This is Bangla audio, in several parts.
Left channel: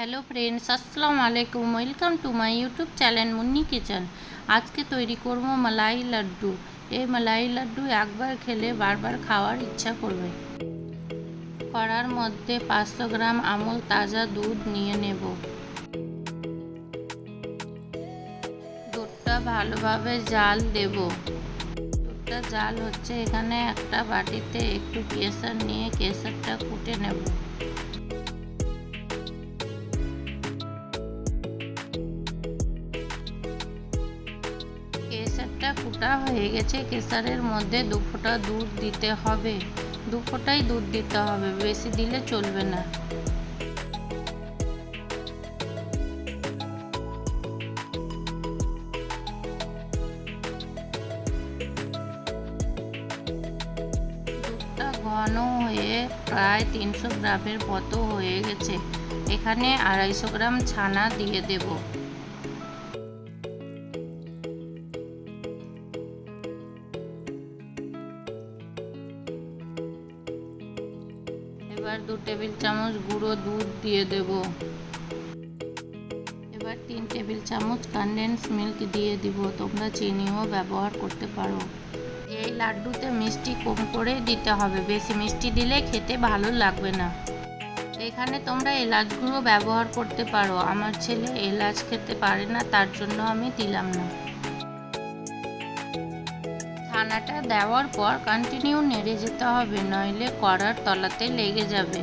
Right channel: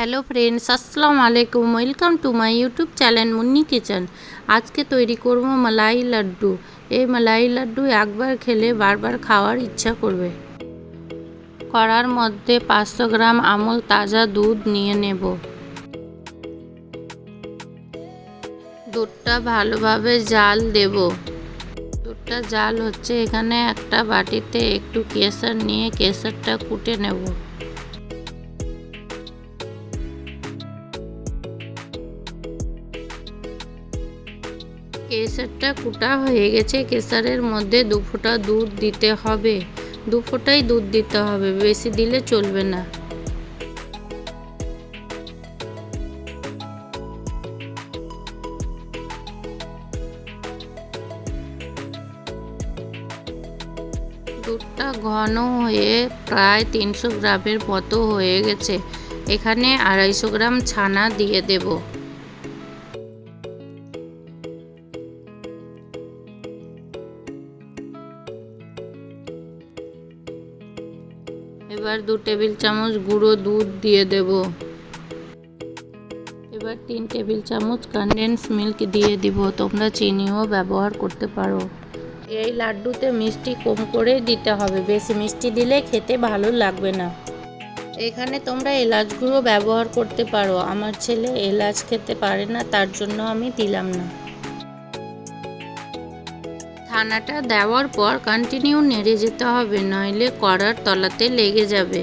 হ্যালো ফ্রেন্ডস, আসসালামু আলাইকুম। Welcome to my YouTube channel Munni kitchen. আজকে তৈরি করব মালাই লাড্ডু। এই মালাই লাড্ডু একবার খেলে বারবার খাওয়ার ইচ্ছা করবে। কড়ার মধ্যে 500 গ্রাম আমুল তাজা দুধ নিয়ে নেব। দুধটা ভালোভাবে জাল দেব। দুধটা জাল হচ্ছে, এখানে একটা বাটিতে একটু কেশর নিয়ে কেশরটা কুটে নেব। কেশরটা কুটা হয়ে গেছে। কেশরের মধ্যে 2 ফোঁটা দুধ দিতে হবে। 2 ফোঁটাই দুধ দিতে হবে, বেশি দিলে চলবে না। দুধটা ঘন হয়ে প্রায় 300 গ্রামের মতো হয়ে গেছে। এখানে 250 গ্রাম ছানা দিয়ে দেব। এবার 2 টেবিল চামচ গুঁড়ো দুধ দিয়ে দেব। এবার 3 টেবিল চামচ কনডেন্স মিল্ক দিয়ে দিব। তোমরা চিনিও ব্যবহার করতে পারো। এই লাড্ডুতে মিষ্টি কম করে দিতে হবে, বেশি মিষ্টি দিলে খেতে ভালো লাগবে না। এখানে তোমরা এলাচ গুঁড়ো ব্যবহার করতে পারো। আমার ছেলে এলাচ খেতে পারে না, তার জন্য আমি দিলাম না। ছানাটা দেওয়ার পর কন্টিনিউ নেড়ে যেতে হবে, নইলে কড়ার তলাতে লেগে যাবে।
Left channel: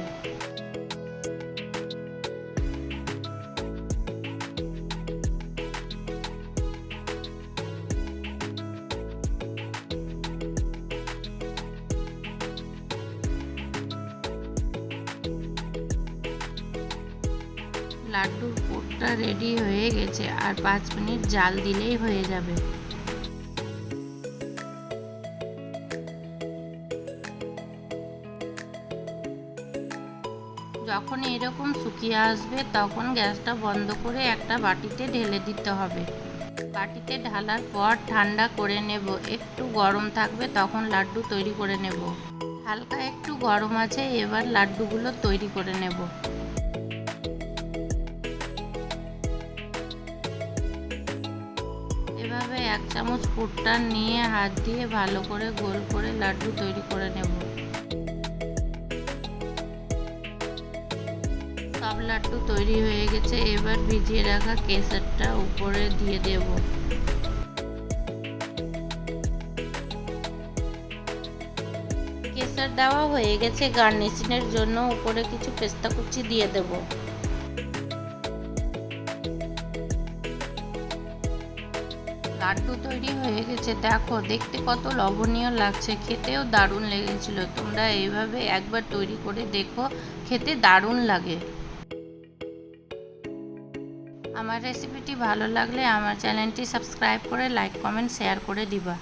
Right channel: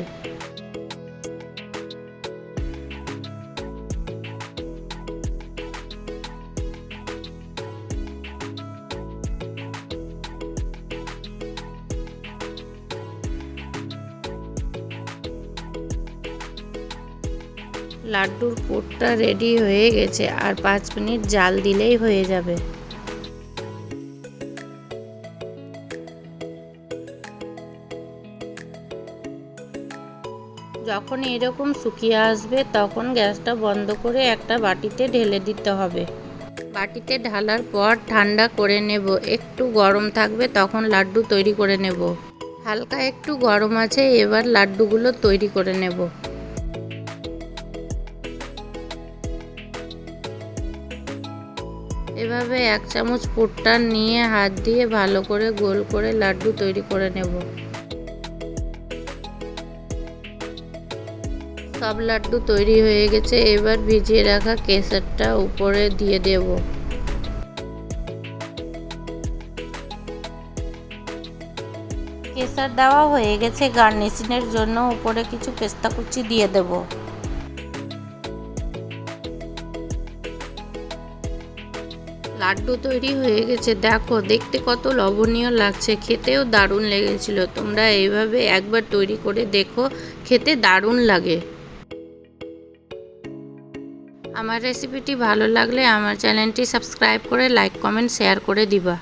লাড্ডুর পুরটা রেডি হয়ে গেছে, আর 5 মিনিট জাল দিলেই হয়ে যাবে। যখন এরকম শুকিয়ে আসবে তখন গ্যাসটা বন্ধ করে একটা বাটিতে ঢেলে দিতে হবে। বাটিতে ঢালার পর ঠান্ডা করে নেব। একটু গরম থাকবে তখন লাড্ডু তৈরি করে নেব। হালকা একটু গরম আছে, এবার লাড্ডুগুলো তৈরি করে নেব। এভাবে 1 চামচ পুরটা নিয়ে হাত দিয়ে ভালো করে গোল করে লাড্ডু তৈরি করে নেব। সব লাড্ডু তৈরি হয়ে গেছে। এবার ভিজিয়ে রাখা কেশরটা উপরে দিয়ে দেব। কেশর দেওয়া হয়ে গেছে। গার্নিশিংয়ের জন্য উপরে কিছু পেস্তা কুচি দিয়ে দেব। লাড্ডু তৈরি হয়ে গেছে। দেখো, দেখতে কত লোভনীয় লাগছে, খেতেও দারুণ লেগেছিল। তোমরা এইভাবে একবার তৈরি করে দেখো, খেতে দারুণ লাগে। আমার রেসিপিটি ভালো লাগলে আমার চ্যানেলটি সাবস্ক্রাইব করে লাইক কমেন্ট শেয়ার করে দিবা।